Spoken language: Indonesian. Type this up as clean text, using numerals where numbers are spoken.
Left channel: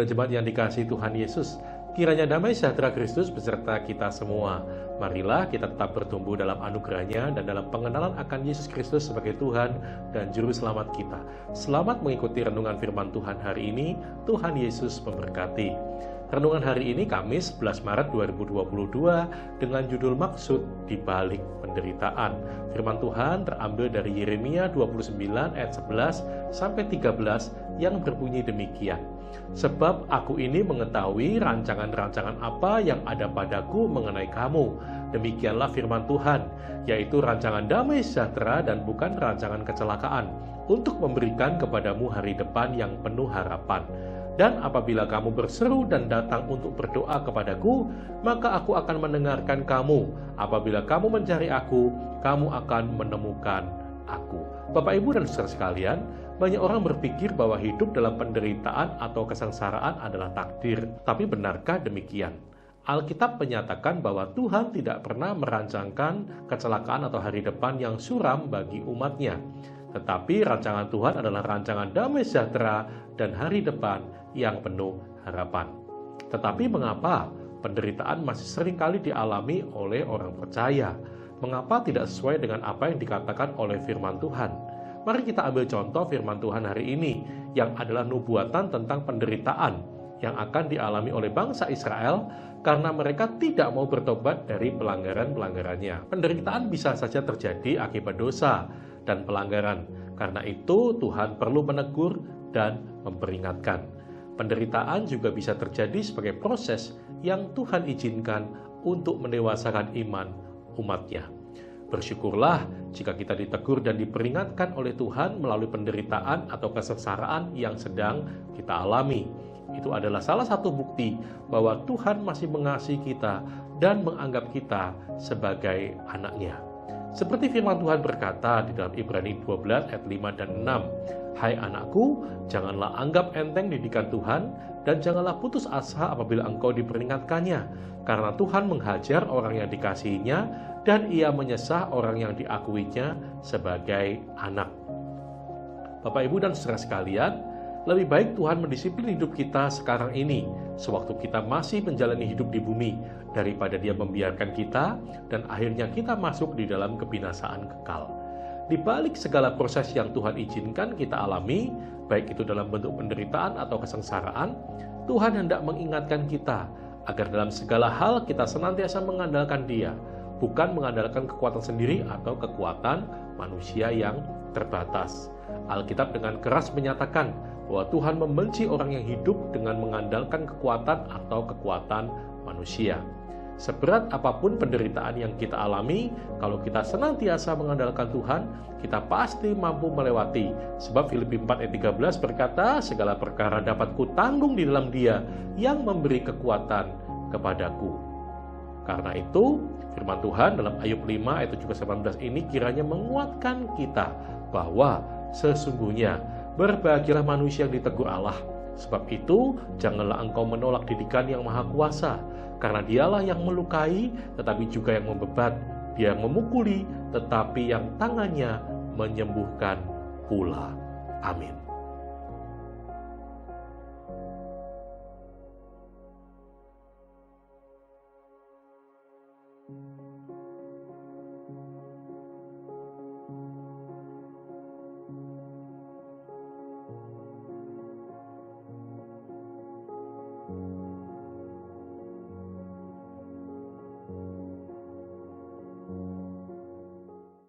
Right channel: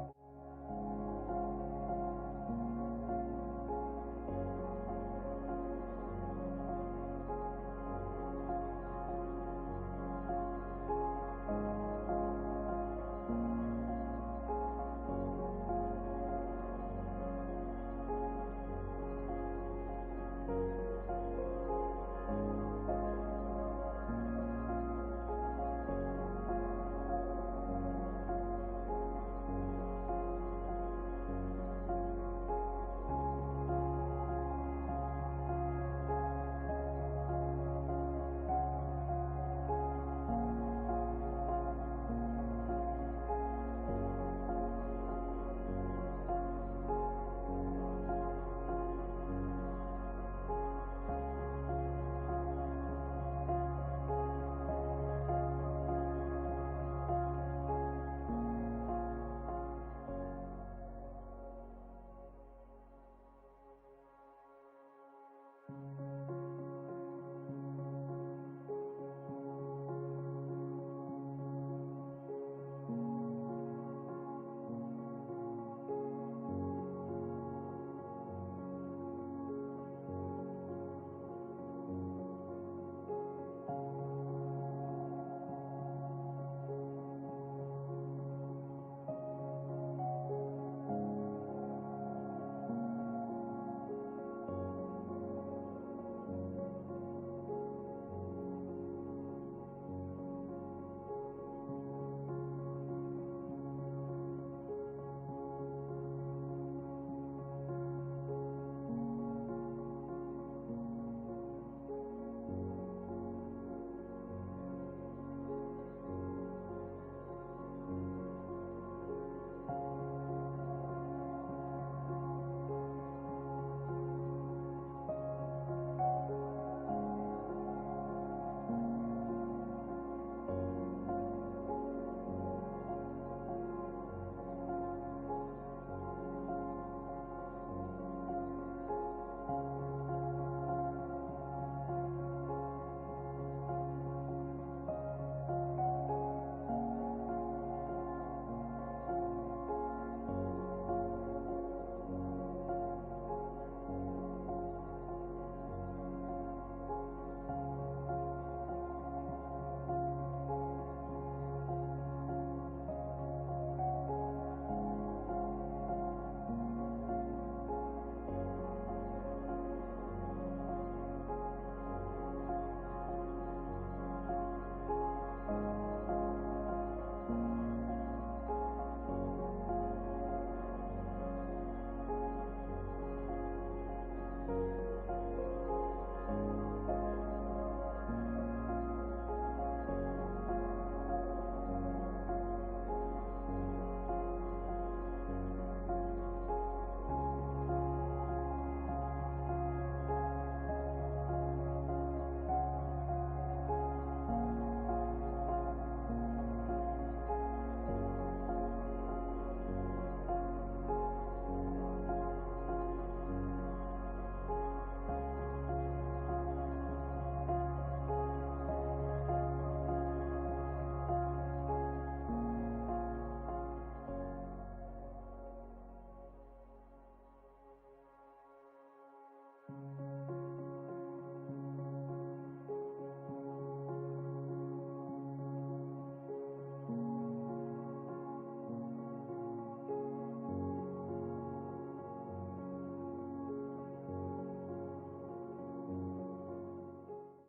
dan jemaat yang dikasihi Tuhan Yesus, kiranya damai sejahtera Kristus beserta kita semua. Marilah kita tetap bertumbuh dalam anugerah-Nya dan dalam pengenalan akan Yesus Kristus sebagai Tuhan dan Juru Selamat kita. Selamat mengikuti renungan firman Tuhan hari ini. Tuhan Yesus memberkati. Renungan hari ini Kamis 11 Maret 2022 dengan judul Maksud di Balik Penderitaan. Firman Tuhan terambil dari Yeremia 29 ayat 11 sampai 13 yang berbunyi demikian. Sebab aku ini mengetahui rancangan-rancangan apa yang ada padaku mengenai kamu. Demikianlah firman Tuhan, yaitu rancangan damai sejahtera dan bukan rancangan kecelakaan, untuk memberikan kepadamu hari depan yang penuh harapan. Dan apabila kamu berseru dan datang untuk berdoa kepadaku, maka aku akan mendengarkan kamu. Apabila kamu mencari aku, kamu akan menemukan aku. Bapak, Ibu, dan saudara sekalian, banyak orang berpikir bahwa hidup dalam penderitaan atau kesengsaraan adalah takdir. Tapi benarkah demikian? Alkitab menyatakan bahwa Tuhan tidak pernah merancangkan kecelakaan atau hari depan yang suram bagi umat-Nya. Tetapi rancangan Tuhan adalah rancangan damai sejahtera dan hari depan yang penuh harapan. Tetapi mengapa penderitaan masih seringkali dialami oleh orang percaya? Mengapa tidak sesuai dengan apa yang dikatakan oleh firman Tuhan? Mari kita ambil contoh firman Tuhan hari ini, yang adalah nubuatan tentang penderitaan yang akan dialami oleh bangsa Israel karena mereka tidak mau bertobat dari pelanggaran-pelanggarannya. Penderitaan bisa saja terjadi akibat dosa dan pelanggaran. Karena itu Tuhan perlu menegur dan memperingatkan. Penderitaan juga bisa terjadi sebagai proses yang Tuhan izinkan untuk mendewasakan iman umat-Nya. Bersyukurlah jika kita ditegur dan diperingatkan oleh Tuhan melalui penderitaan atau kesengsaraan yang sedang kita alami. Itu adalah salah satu bukti bahwa Tuhan masih mengasihi kita dan menganggap kita sebagai anak-Nya. Seperti firman Tuhan berkata di dalam Ibrani 12 ayat 5 dan 6, "Hai anakku, janganlah anggap enteng didikan Tuhan, dan janganlah putus asa apabila engkau diperingatkannya, karena Tuhan menghajar orang yang dikasihinya, dan Ia menyesah orang yang diakuinya sebagai anak." Bapak, Ibu, dan saudara sekalian, lebih baik Tuhan mendisiplin hidup kita sekarang ini, sewaktu kita masih menjalani hidup di bumi, daripada Dia membiarkan kita dan akhirnya kita masuk di dalam kebinasaan kekal. Di balik segala proses yang Tuhan izinkan kita alami, baik itu dalam bentuk penderitaan atau kesengsaraan, Tuhan hendak mengingatkan kita agar dalam segala hal kita senantiasa mengandalkan Dia, bukan mengandalkan kekuatan sendiri atau kekuatan manusia yang terbatas. Alkitab dengan keras menyatakan bahwa Tuhan membenci orang yang hidup dengan mengandalkan kekuatan atau kekuatan manusia. Seberat apapun penderitaan yang kita alami, kalau kita senantiasa mengandalkan Tuhan, kita pasti mampu melewati. Sebab Filipi 4 ayat 13 berkata, "Segala perkara dapat kutanggung di dalam Dia yang memberi kekuatan kepadaku." Karena itu, firman Tuhan dalam Ayub 5 ayat 17-18 ini kiranya menguatkan kita bahwa sesungguhnya berbahagialah manusia yang ditegur Allah. Sebab itu, janganlah engkau menolak didikan yang maha kuasa, karena Dialah yang melukai, tetapi juga yang membebat. Dia yang memukuli, tetapi yang tangannya menyembuhkan pula. Amin.